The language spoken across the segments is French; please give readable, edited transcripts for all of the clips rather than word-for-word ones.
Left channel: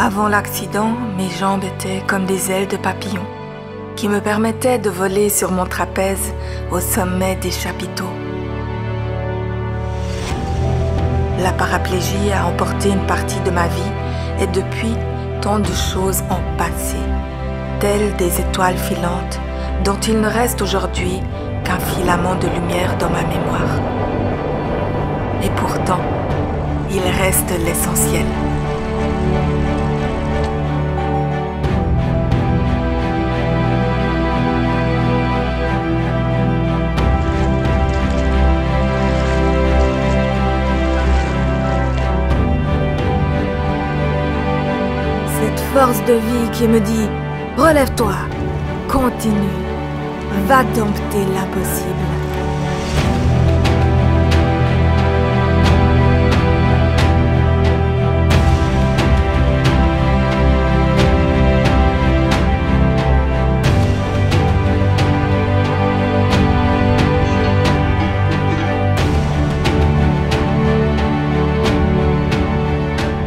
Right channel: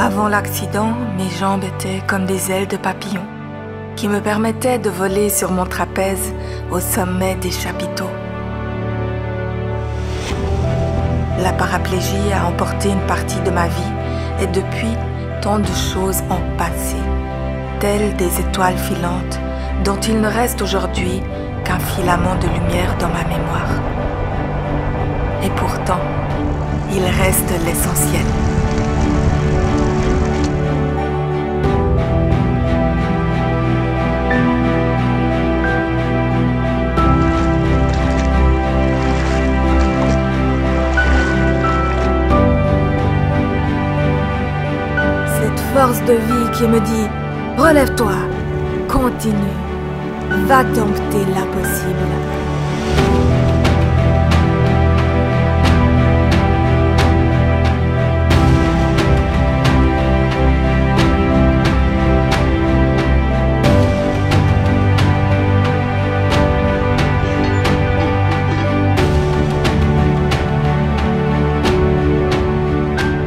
Avant l'accident, mes jambes étaient comme des ailes de papillon qui me permettaient de voler sur mon trapèze au sommet des chapiteaux. La paraplégie a emporté une partie de ma vie et depuis, tant de choses ont passé, telles des étoiles filantes dont il ne reste aujourd'hui qu'un filament de lumière dans ma mémoire. Et pourtant, il reste l'essentiel. Cette force de vie qui me dit « Relève-toi, continue, va dompter l'impossible ».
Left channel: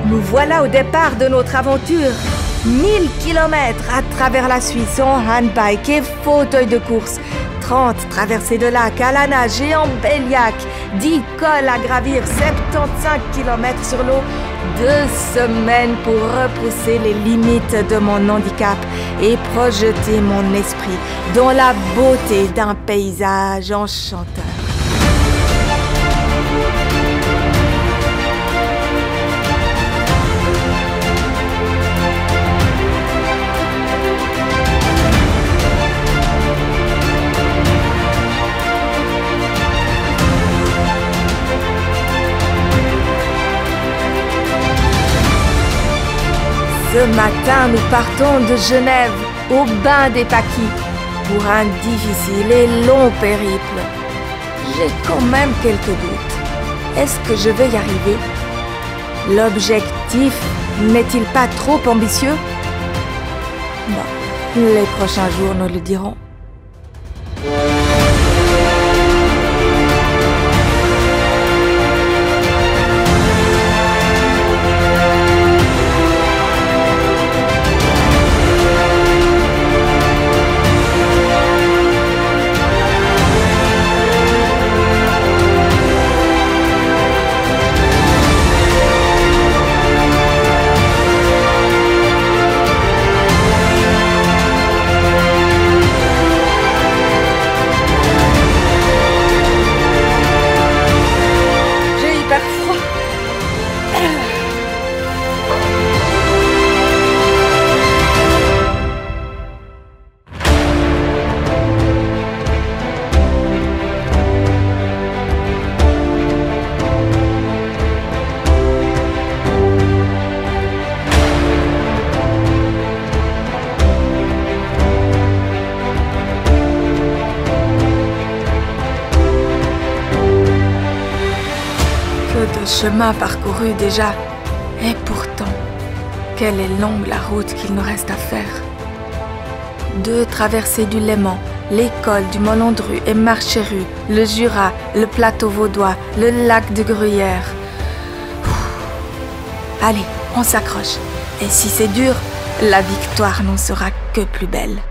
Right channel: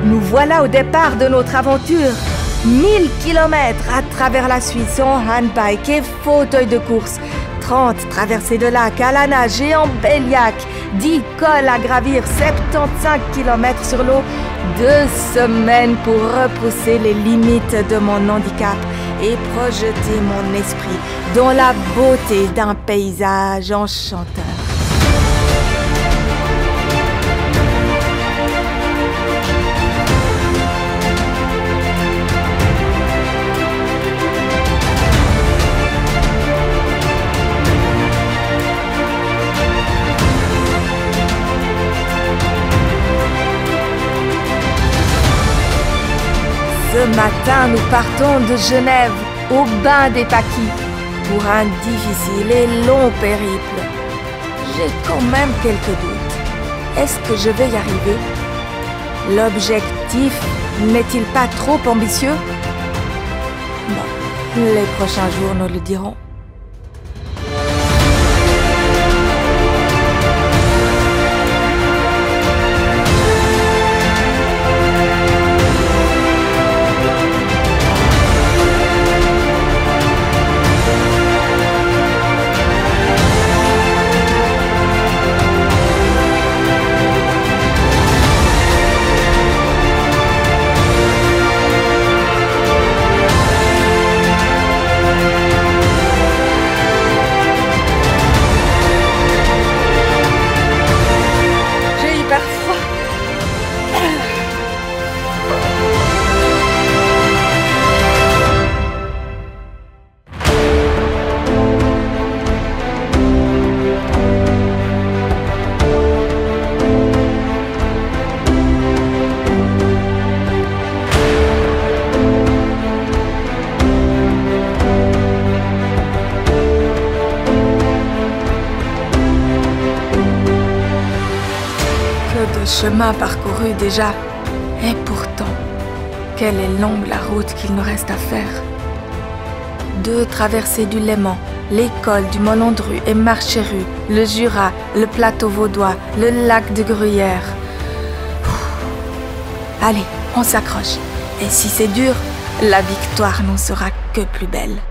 Nous voilà au départ de notre aventure. 1000 km à travers la Suisse en handbike et fauteuil de course. 30 traversées de lacs à la nage et en Béliac. 10 cols à gravir, 75 km sur l'eau. 2 semaines pour repousser les limites de mon handicap et projeter mon esprit dans la beauté d'un paysage enchanteur. Ce matin, nous partons de Genève au bain des Paquis pour un difficile et long périple. J'ai quand même quelques doutes. Est-ce que je vais y arriver? L'objectif n'est-il pas trop ambitieux? Bon, les prochains jours nous le diront. De chemin parcouru déjà. Et pourtant, quelle est longue la route qu'il nous reste à faire. 2 traversées du Léman, l'école du Molandru et Marcheru, le Jura, le plateau vaudois, le lac de Gruyère. Allez, on s'accroche. Et si c'est dur, la victoire n'en sera que plus belle.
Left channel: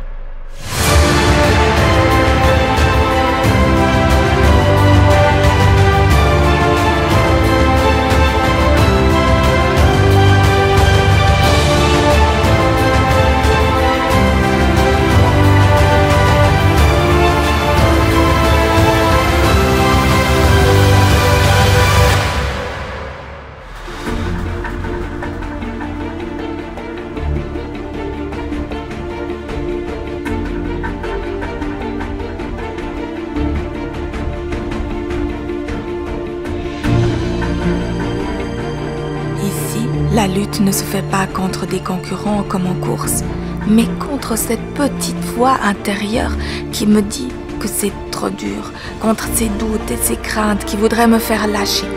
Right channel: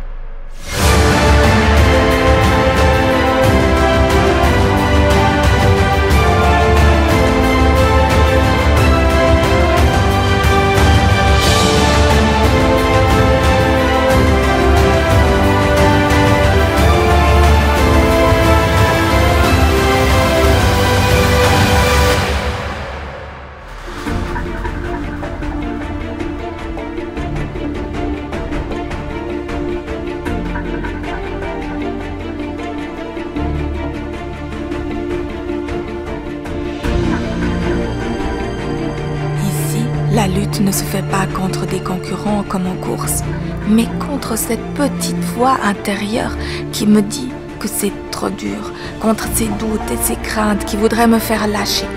La lutte ne se fait pas contre des concurrents comme en course, mais contre cette petite voix intérieure qui me dit que c'est trop dur, contre ces doutes et ces craintes qui voudraient me faire lâcher.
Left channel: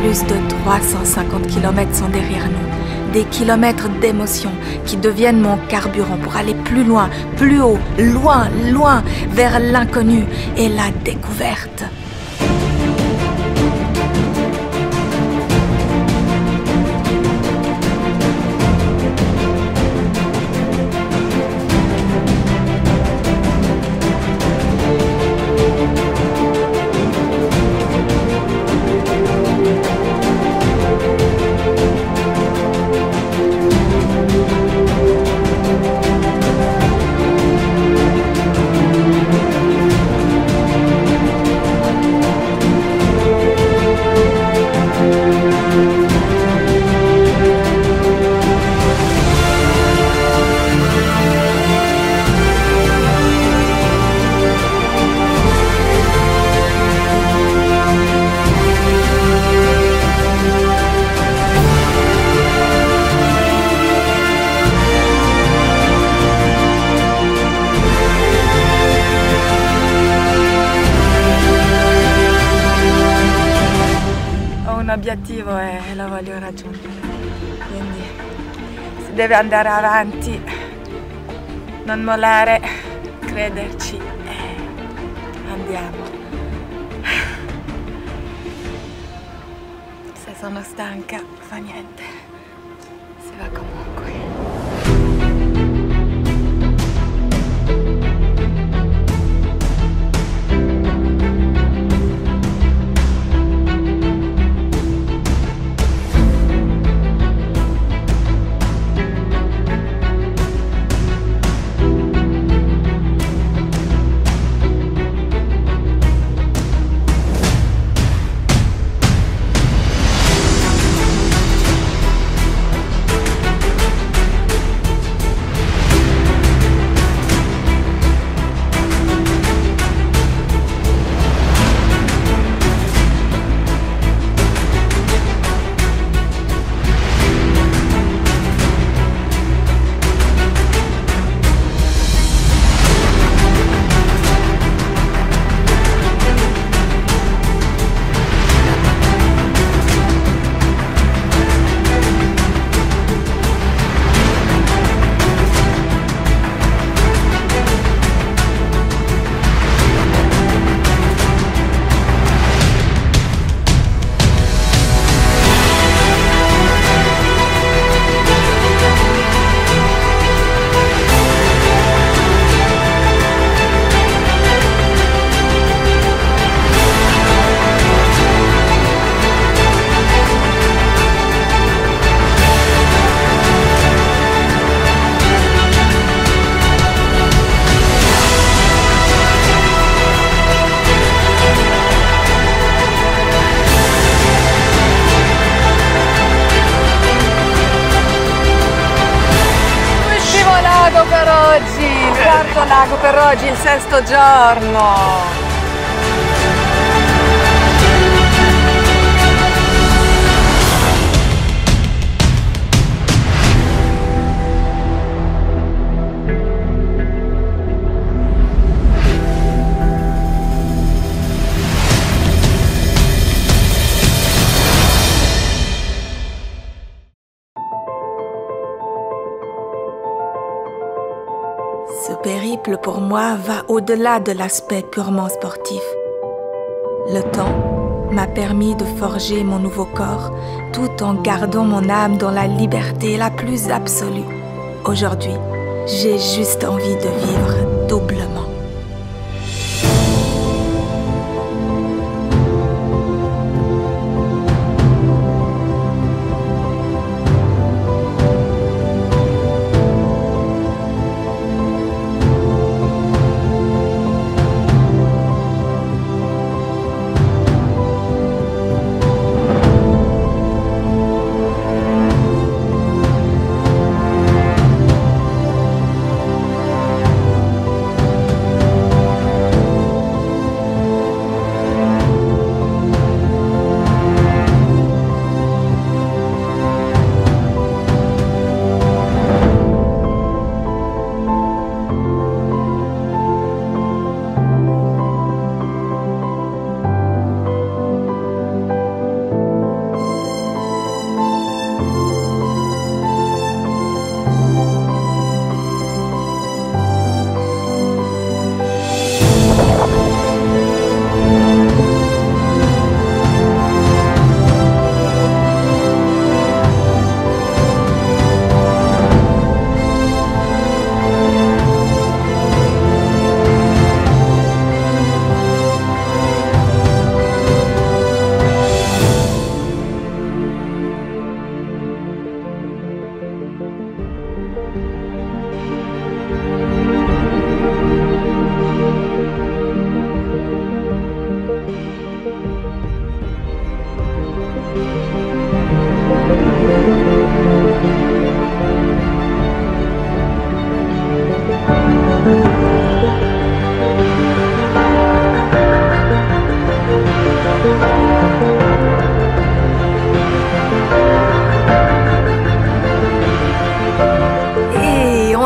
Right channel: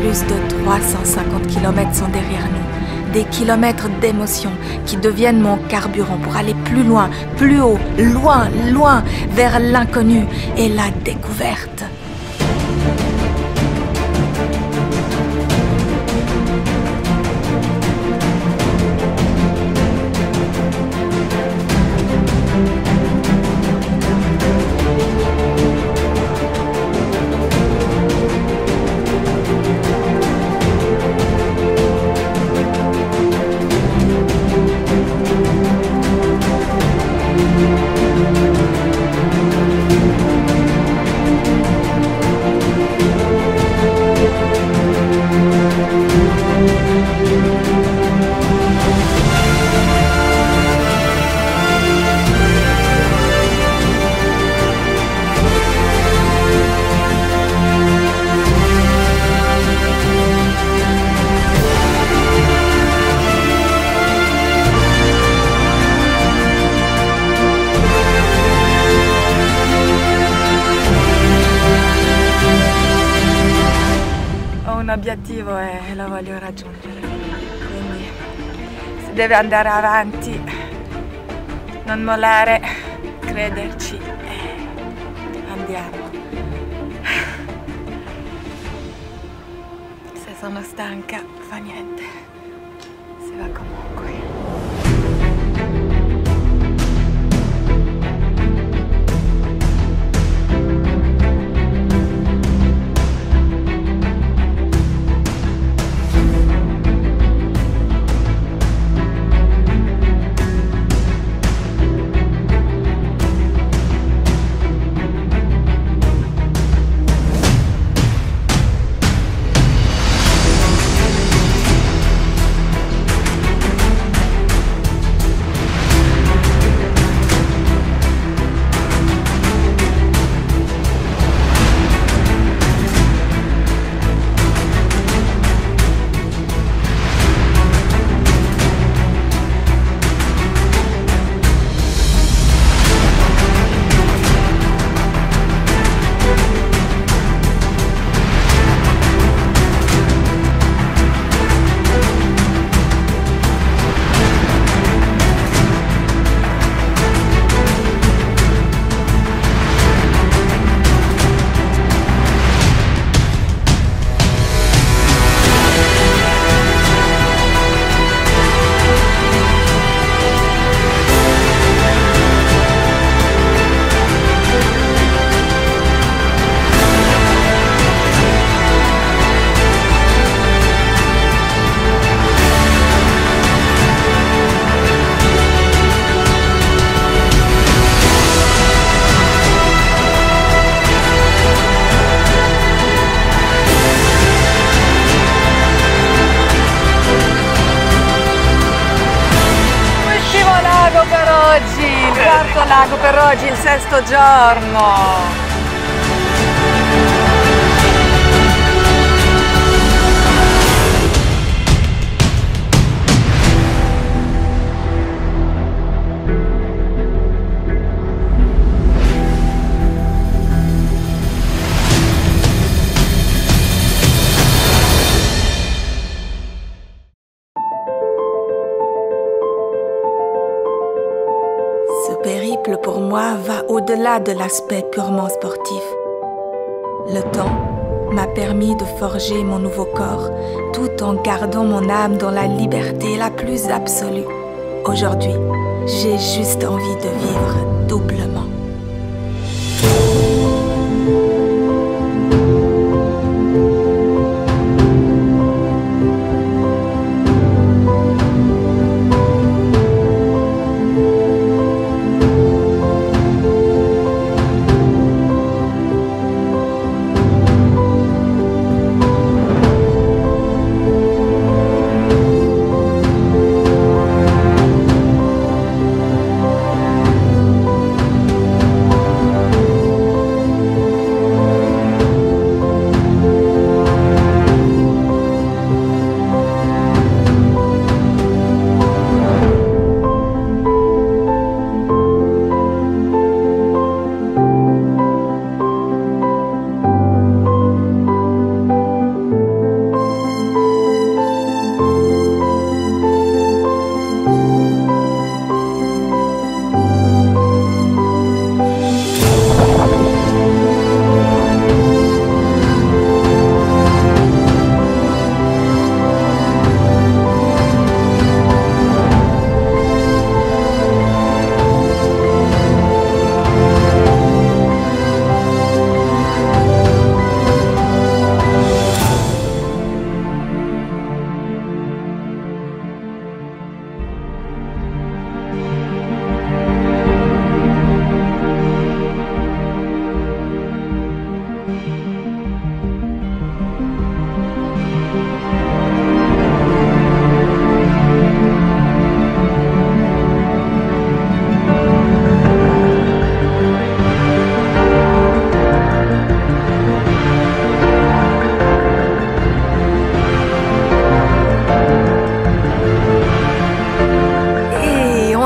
Plus de 350 km sont derrière nous, des kilomètres d'émotions qui deviennent mon carburant pour aller plus loin, plus haut, loin, loin, vers l'inconnu et la découverte. obiettivo e lo voglio raggiungere. Quindi si deve andare avanti, non mollare, crederci. Andiamo. Se sono stanca, fa niente. Si va comunque. Lago per oggi, il quarto lago per oggi, il sesto giorno. Ce périple pour moi va au-delà de l'aspect purement sportif. Le temps m'a permis de forger mon nouveau corps tout en gardant mon âme dans la liberté la plus absolue. Aujourd'hui, j'ai juste envie de vivre doublement.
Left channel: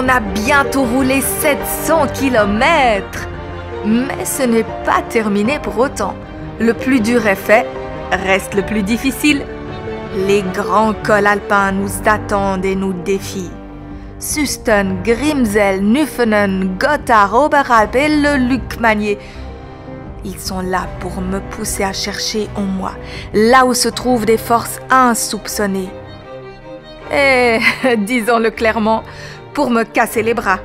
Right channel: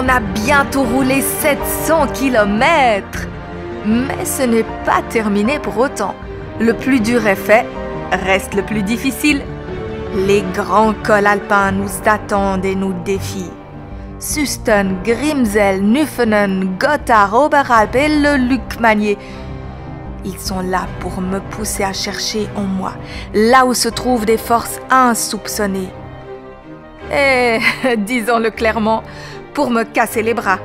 On a bientôt roulé 700 km. Mais ce n'est pas terminé pour autant. Le plus dur est fait. Reste le plus difficile. Les grands cols alpins nous attendent et nous défient. Susten, Grimsel, Nuffenen, Gotthard, Oberalp et le Lukmanier. Ils sont là pour me pousser à chercher en moi, là où se trouvent des forces insoupçonnées. Et, disons-le clairement, pour me casser les bras.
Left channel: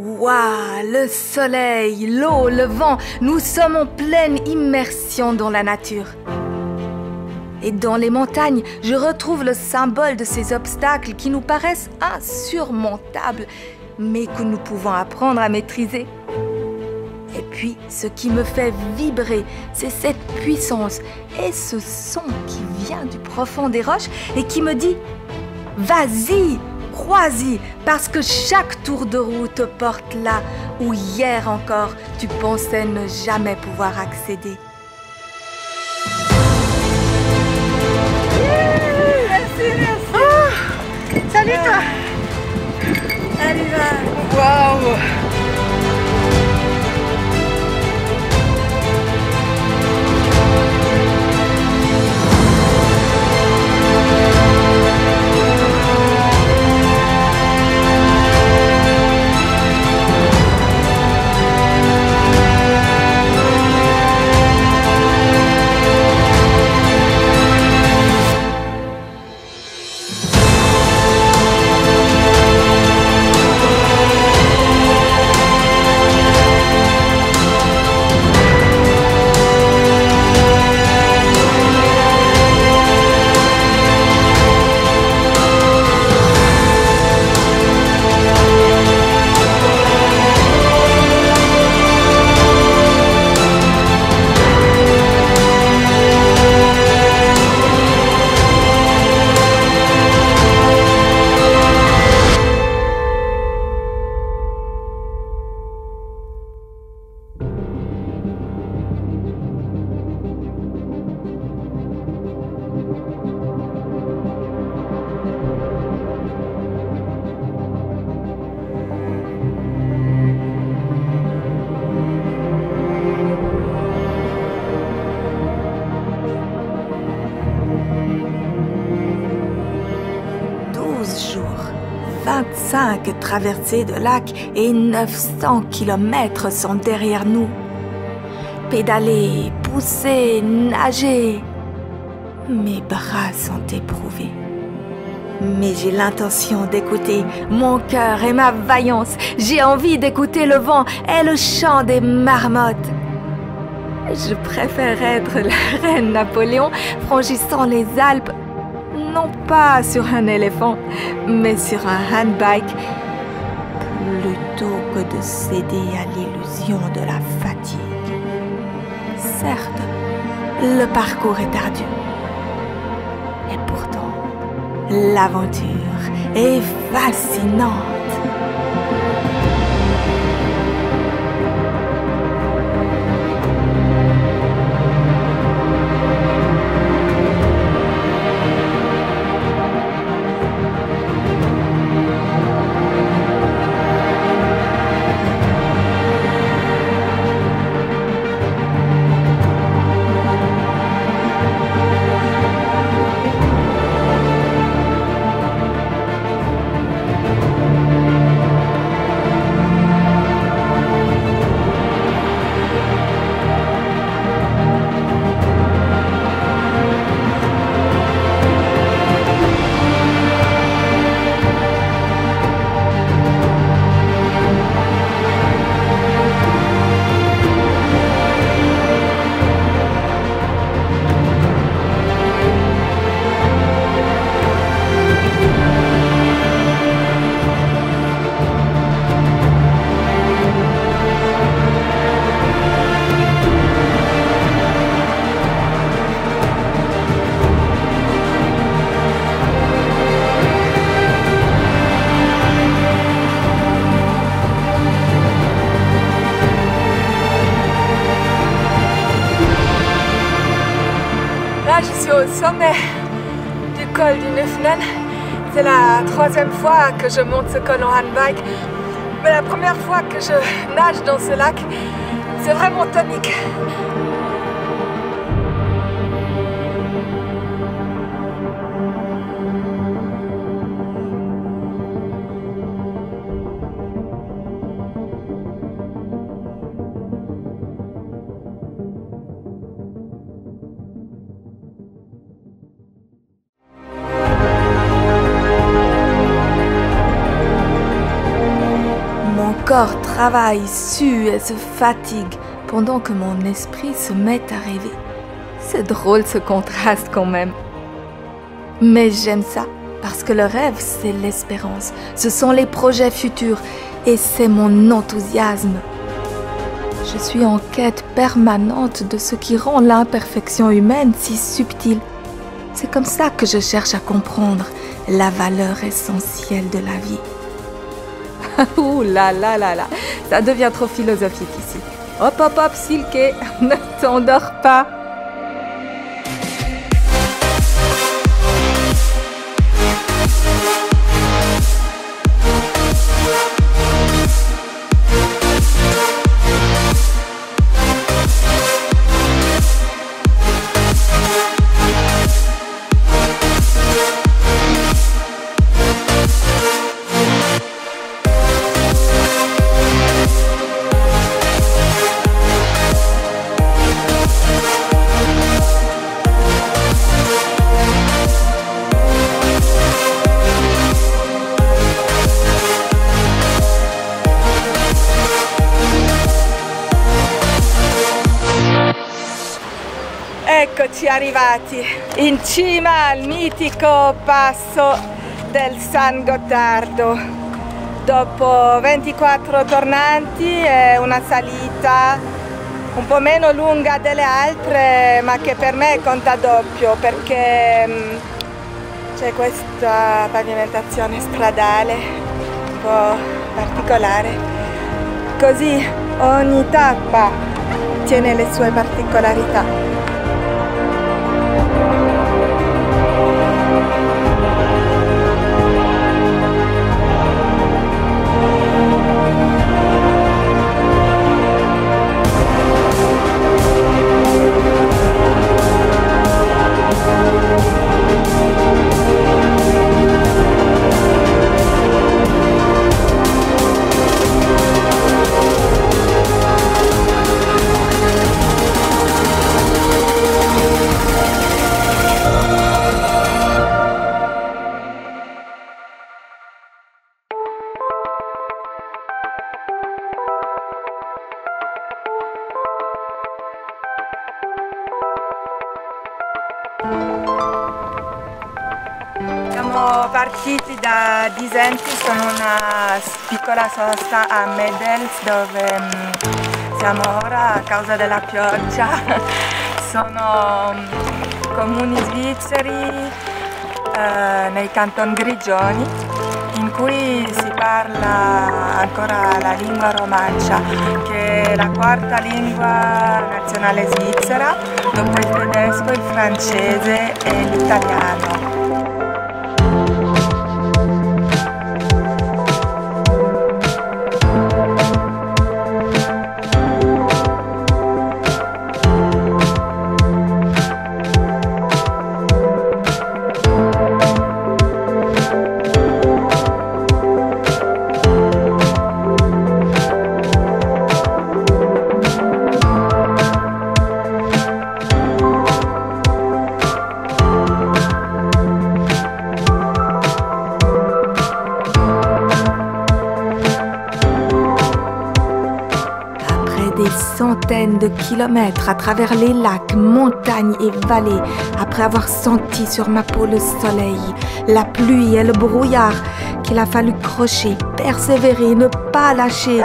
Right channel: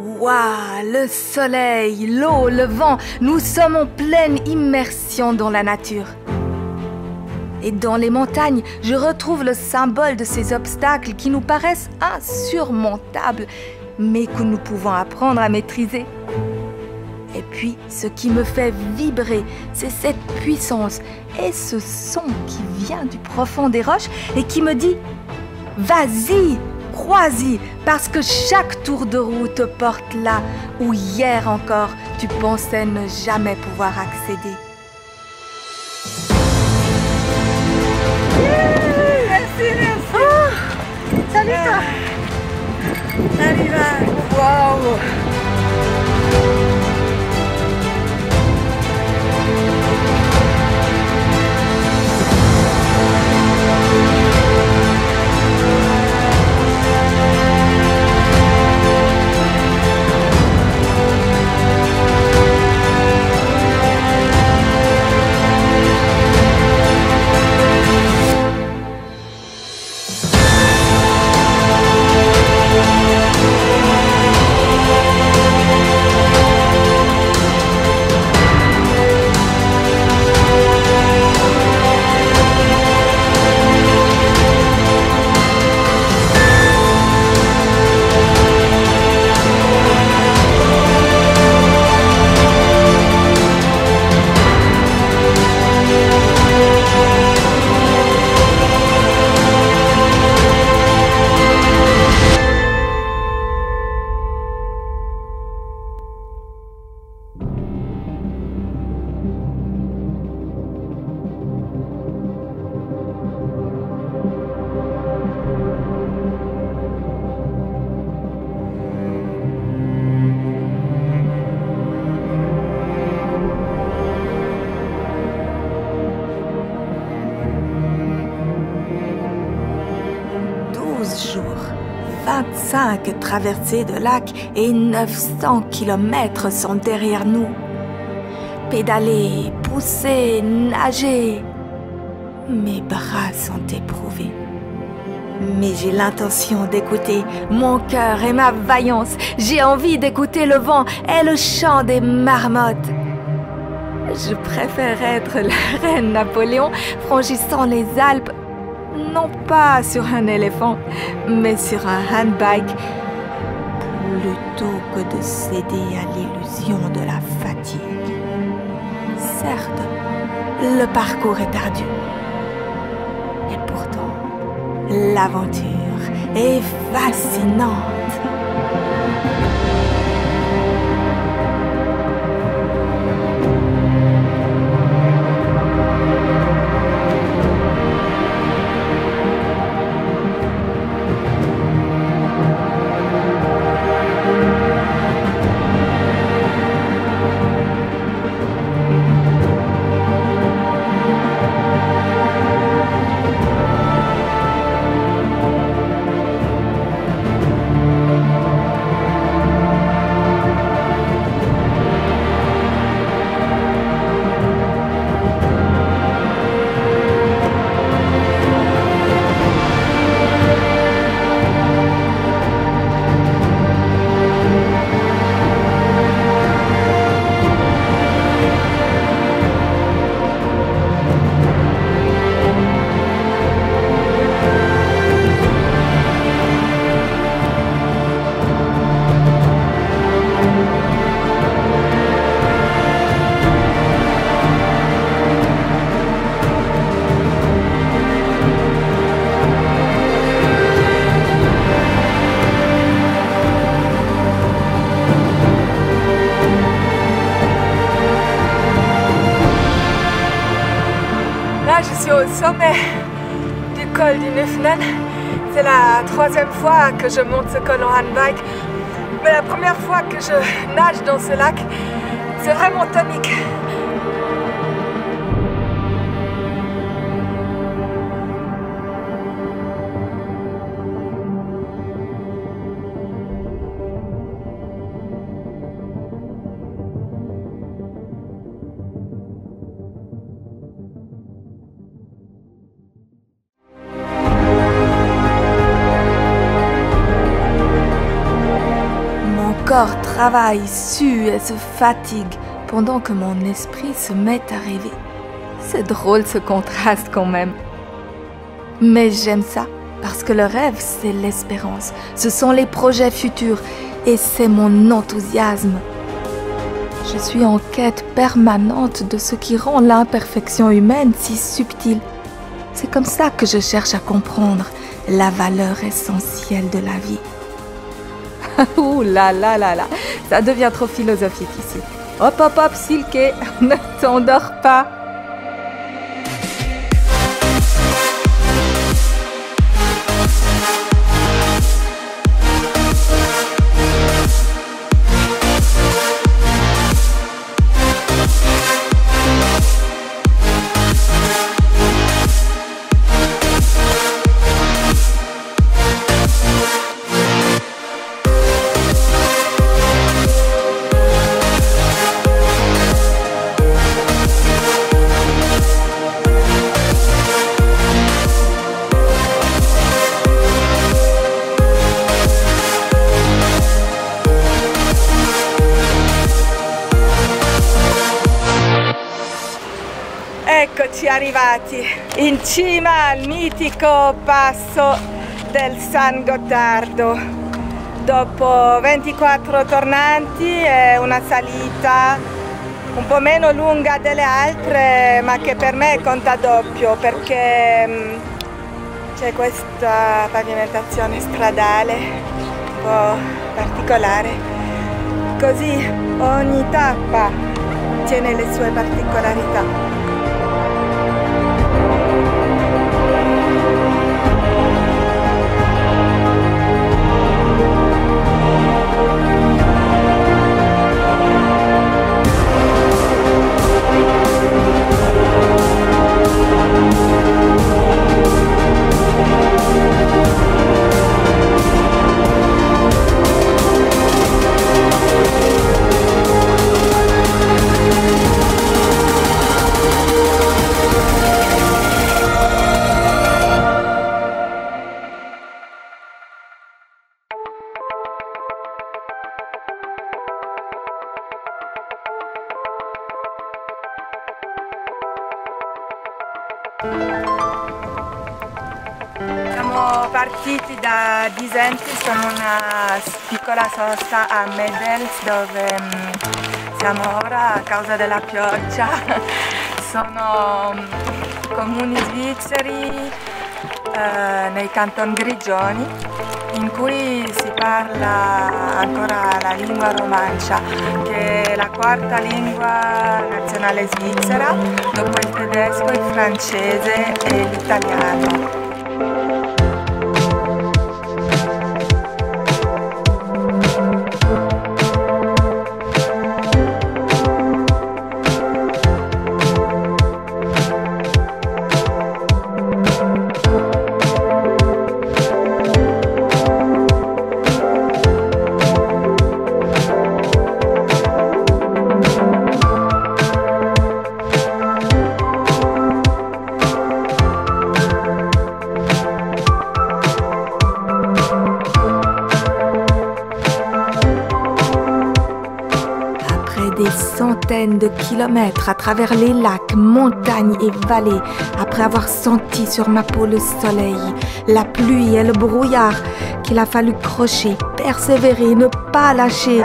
Waouh, le soleil, l'eau, le vent, nous sommes en pleine immersion dans la nature. Et dans les montagnes, je retrouve le symbole de ces obstacles qui nous paraissent insurmontables, mais que nous pouvons apprendre à maîtriser. Et puis, ce qui me fait vibrer, c'est cette puissance et ce son qui vient du profond des roches et qui me dit « Vas-y !» Crois-y, parce que chaque tour de roue te porte là où hier encore tu pensais ne jamais pouvoir accéder. Merci. Salut toi. Salut là. Waouh! Jours, 25 traversées de lacs et 900 kilomètres sont derrière nous. Pédaler, pousser, nager. Mes bras sont éprouvés. Mais j'ai l'intention d'écouter mon cœur et ma vaillance. J'ai envie d'écouter le vent et le chant des marmottes. Je préfère être la reine Napoléon franchissant les Alpes, non pas sur un éléphant, mais sur un handbike, plutôt que de céder à l'illusion de la fatigue. Certes, le parcours est ardu. Et pourtant, l'aventure est fascinante. au sommet du col du Nufnen. C'est la 3e fois que je monte ce col en handbike. Mais la première fois que je nage dans ce lac, c'est vraiment tonique. Mon corps travaille, sue et se fatigue pendant que mon esprit se met à rêver. C'est drôle ce contraste quand même. Mais j'aime ça parce que le rêve, c'est l'espérance. Ce sont les projets futurs et c'est mon enthousiasme. Je suis en quête permanente de ce qui rend l'imperfection humaine si subtile. C'est comme ça que je cherche à comprendre la valeur essentielle de la vie. Ouh là là là là, ça devient trop philosophique ici. Hop hop hop, Silke, ne t'endors pas. Eccoci arrivati in cima al mitico passo del San Gottardo. Dopo 24 tornanti e una salita un po' meno lunga delle altre, ma che per me conta doppio perché c'è questa pavimentazione stradale un po' particolare. Così ogni tappa tiene le sue particolarità. Siamo partiti da Disentis con una piccola sosta a Medels dove siamo ora a causa della pioggia. Sono comuni svizzeri nei canton Grigioni in cui si parla ancora la lingua romancia, che è la 4ª lingua nazionale svizzera dopo il tedesco, il francese e l'italiano. Des centaines de kilomètres à travers les lacs, montagnes et vallées, après avoir senti sur ma peau le soleil, la pluie et le brouillard, qu'il a fallu crocher, persévérer, ne pas lâcher,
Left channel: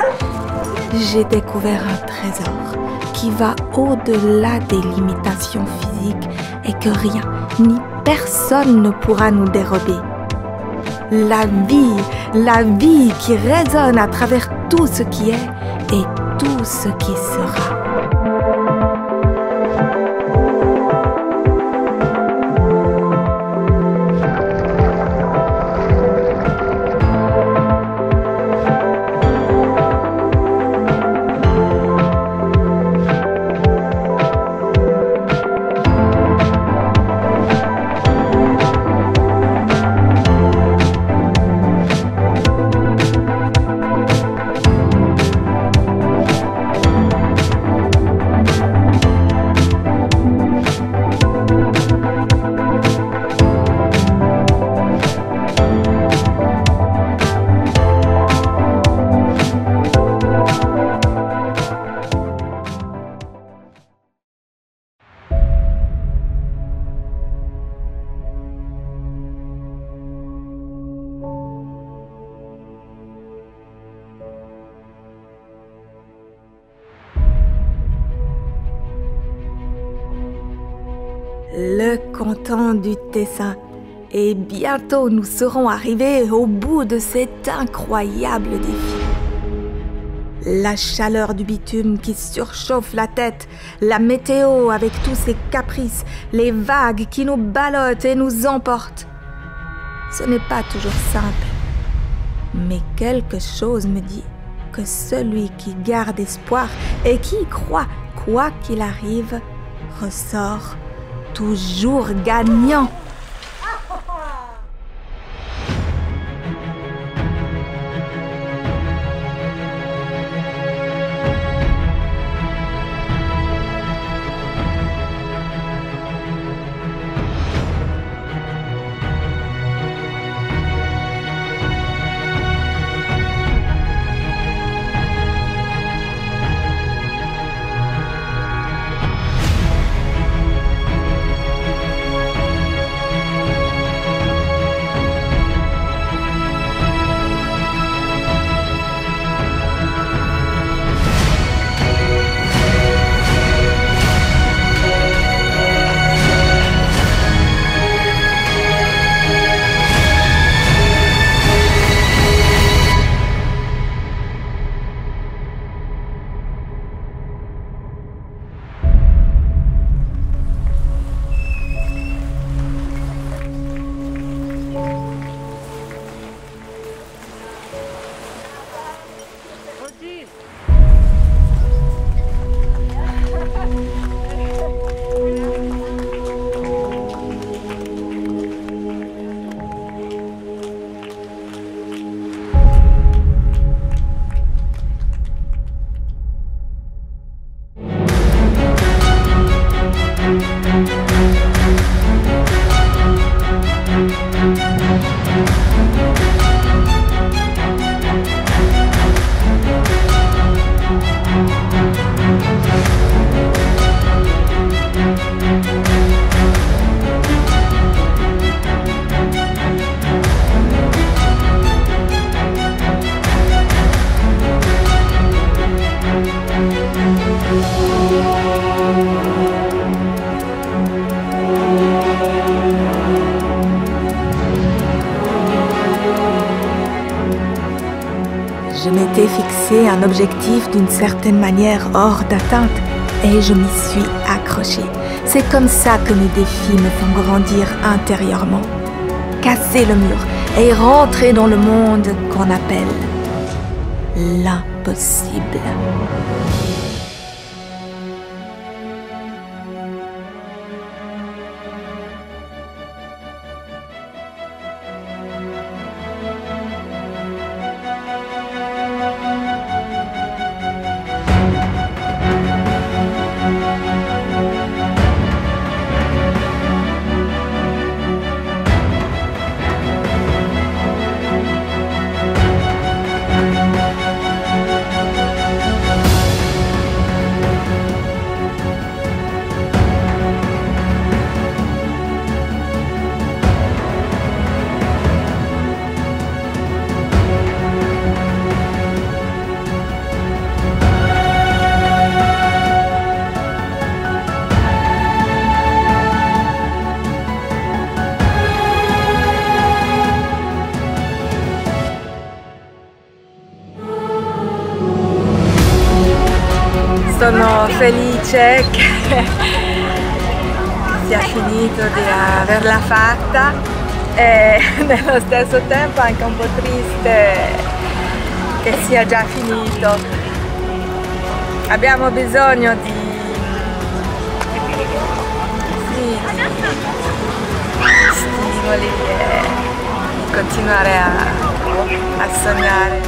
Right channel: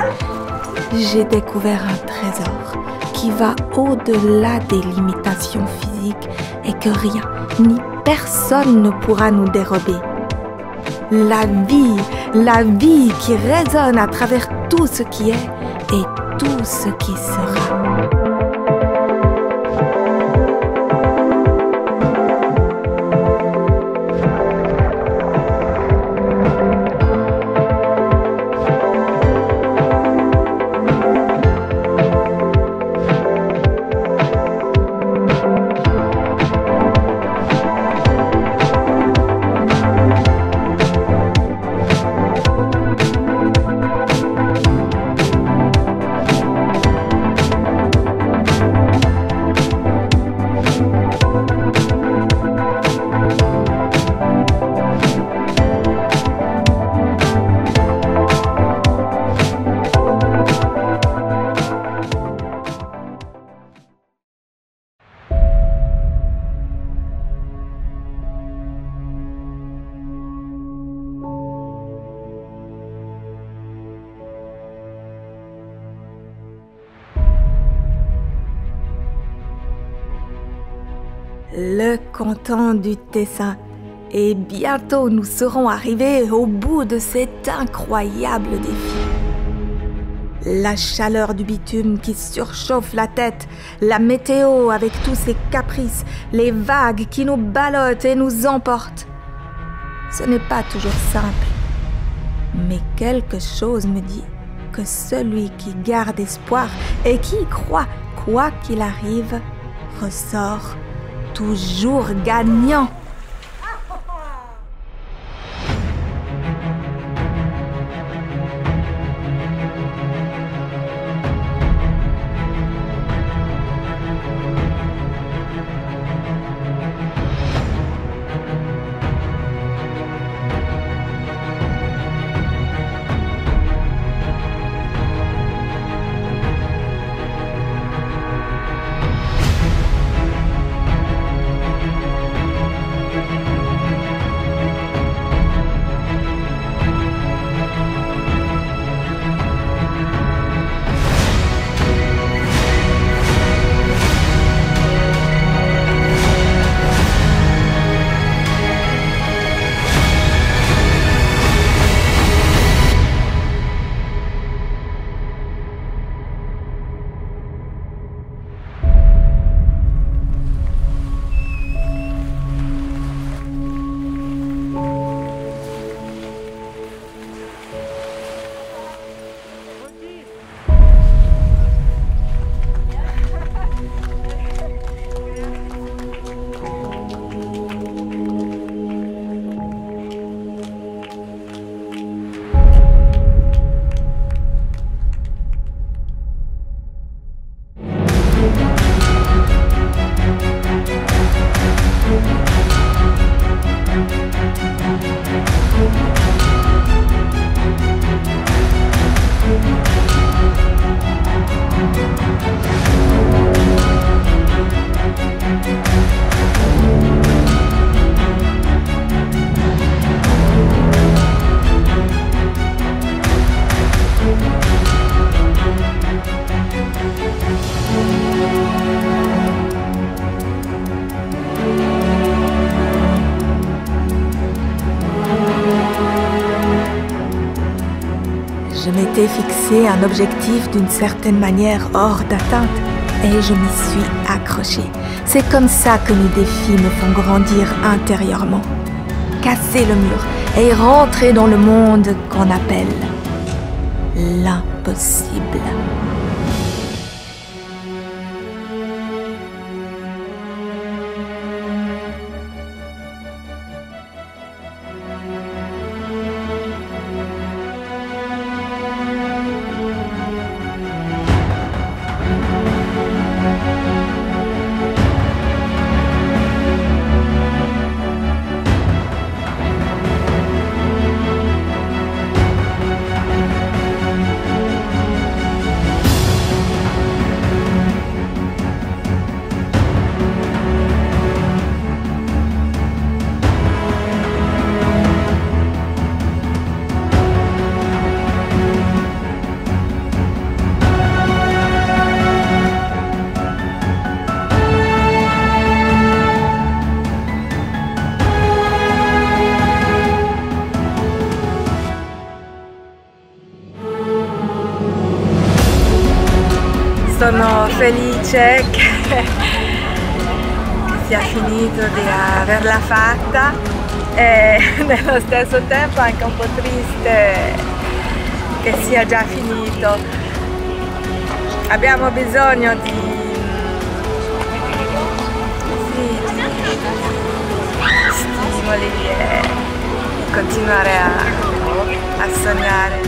j'ai découvert un trésor qui va au-delà des limitations physiques et que rien ni personne ne pourra nous dérober. La vie qui résonne à travers tout ce qui est et tout ce qui sera. le canton du Tessin. Et bientôt nous serons arrivés au bout de cet incroyable défi. La chaleur du bitume qui surchauffe la tête, la météo avec tous ses caprices, les vagues qui nous ballottent et nous emportent. Ce n'est pas toujours simple, mais quelque chose me dit que celui qui garde espoir et qui y croit, quoi qu'il arrive, ressort toujours gagnant. Je m'étais fixé un objectif d'une certaine manière hors d'atteinte et je m'y suis accrochée. C'est comme ça que mes défis me font grandir intérieurement. Casser le mur et rentrer dans le monde qu'on appelle l'impossible. Sono felice che sia finito di averla fatta e nello stesso tempo anche un po' triste che sia già finito. Abbiamo bisogno di stimoli e di continuare a sognare.